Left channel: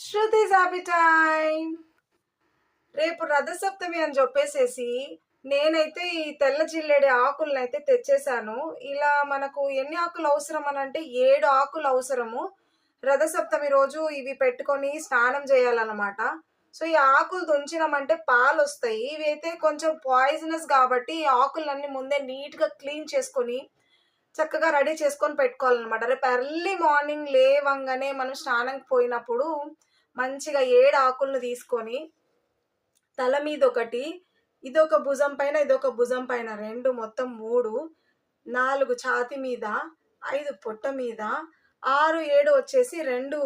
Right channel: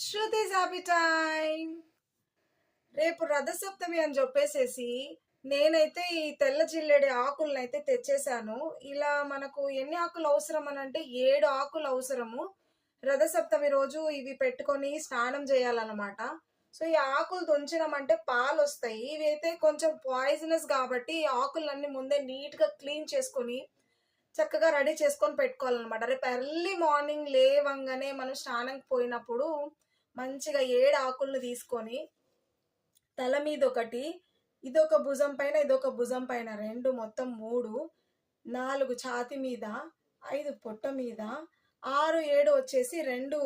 Shruti's happy time. రేపు రథసప్తమి అని చెప్పేసేసి నేనైతే ఈ తెల్ల జిల్లేడి ఆకులను అయితే తెచ్చేసాను. ఇలా మనకు ఎన్ని ఆకులు అవసరం అని అంటే 7 ఆకులు అవసరము. రథసప్తమి రోజు ఇవి పెట్టుకొని స్నానం చేయాలన్నమాట. సో ఈ ఆకులు తుంచినామంటే పాలు వస్తాయి. ఇవి అయితే కొంచెం పాయిజనస్ కాబట్టి ఈ ఆకులన్నీ ముందే నీట్గా క్లీన్ చేసుకొని చక్కగా రెడీ చేసుకొని పెట్టుకోవాలన్నమాట. రేపు ఎర్లీ మార్నింగ్ లేవంగానే మనం స్నానంకి పోయినప్పుడు మంచిగా 7 ఆకులను తీసుకొని తల మీద ఒకటి, ఇదొక భుజం పైన, ఇదొక భుజం పైన 2, మొత్తం 3, 4 ఛాతి మీద, 5 పొట్ట మీద, 6, 7 వచ్చేసి 2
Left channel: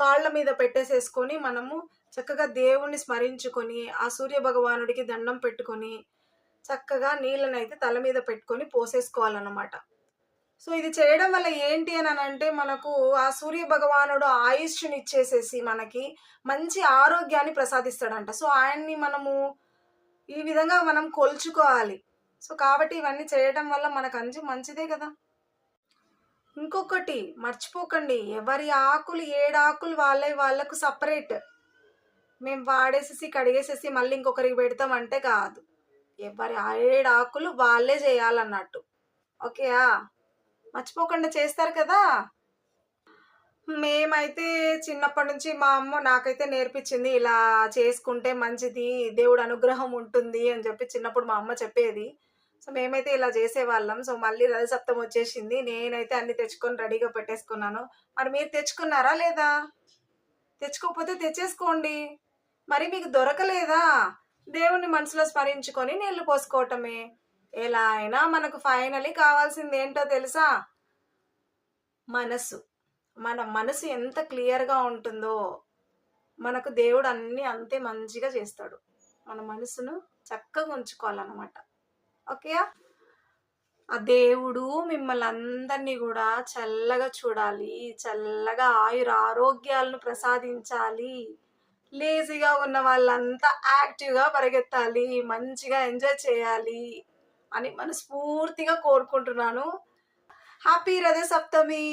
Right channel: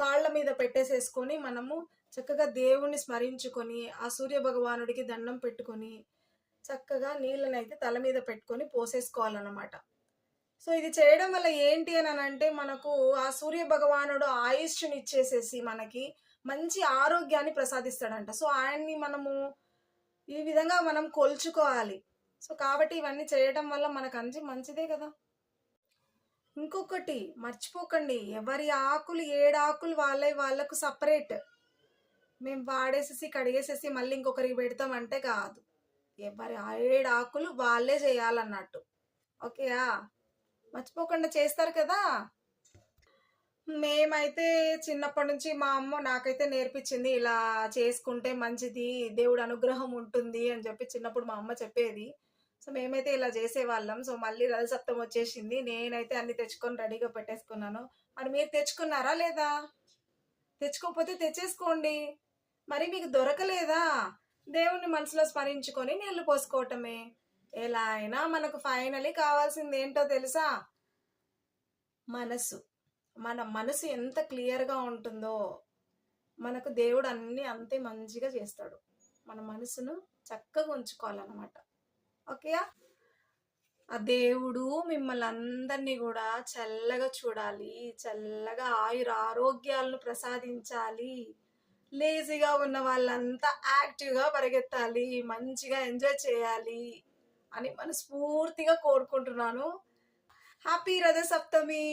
కాళ్ళ మీద పెట్టేసేసుకొని మనము చక్కగా దేవుణ్ణి స్మరించుకొని ఆ సూర్య భగవానుడికి దండం పెట్టుకొని చక్కగా నీళ్ళనైతే తల మీద పెట్టుకొని పోసేసుకోవాలన్నమాట. సో ఇది చేయడం వల్ల ఏంటి అని అంటే మనకు ఆ సూర్య భగవానుడు ఆయుష్ని ఇచ్చేసేసి మనకి మంచి ఆరోగ్యాన్ని ప్రసాదిస్తాడంట. సో ఆయన్ని మనము ఈ విధంగా మనం కొలుచుకోవాలి. సో కాబట్టి ఇవన్నీ చేయడం వల్ల మనకు మంచిదే కదా. ఇంకొకటి మర్చిపోకండి, ఎవరి ఆకులు 7 ఆకులు వాళ్ళకు సపరేట్. మేము వాడేసేసి కడిగేసేసి మళ్ళీ ఇంకొకరికి పెడతామంటే కాదు. ఎవరి 7 ఆకులు వాళ్ళే చేయాలన్నట్టు. ఓకేయా, మర్చిపోకుండా చేస్తారు కదా. మేమైతే చిన్నప్పటి నుంచి మా అమ్మ నాకైతే నేర్పించింది, ఇలా చేసుకుంటే మంచిది, దేవుడు అనుగ్రహం ఉంటుంది అని చెప్పి చిన్నప్పుడు మా అమ్మ చెప్పేది. సో మేమైతే ఇలా చేసేవాళ్ళం. సో మళ్ళీ రథసప్తం వచ్చేసింది, నేనైతే అన్ని తెచ్చుకొని రెడీగా పెట్టేసుకున్నాను. మరి మీరు తెచ్చుకున్నారా లేదా? తెచ్చుకోకపోతే తెచ్చేసుకోండి. మరి మీకు దొరకలేదా? దేవుణ్ణి మనసులో స్మరించుకొని నీళ్లు పోసుకోవటమే. ఎలా అయినా మనకు ఫైనలీ కావాల్సింది ఏంటో తెలుసా? మనసు. మన మనసు ఎంత క్లియర్గా ఉంటుందో మనకు దేవుడు అన్నీ అంతే మంచిగా చేస్తాడు. మన మనసును చక్కగా ఉంచుకోవాలన్నమాట. ఓకే, ఆ దేవుడు మిమ్మల్ని అందరినీ కూడా చల్లగా చూడాలి, చల్లగా ఆరోగ్యాలను ప్రసాదించాలి. లేజీగా ఉన్న వాళ్ళంతా యాక్టివ్గా పరిగెత్తాలి, మంచిగా ఎంజాయ్ చేయాలి అని మనస్ఫూర్తిగా కోరుకుంటున్నాను. హ్యాపీ రథసప్తమి.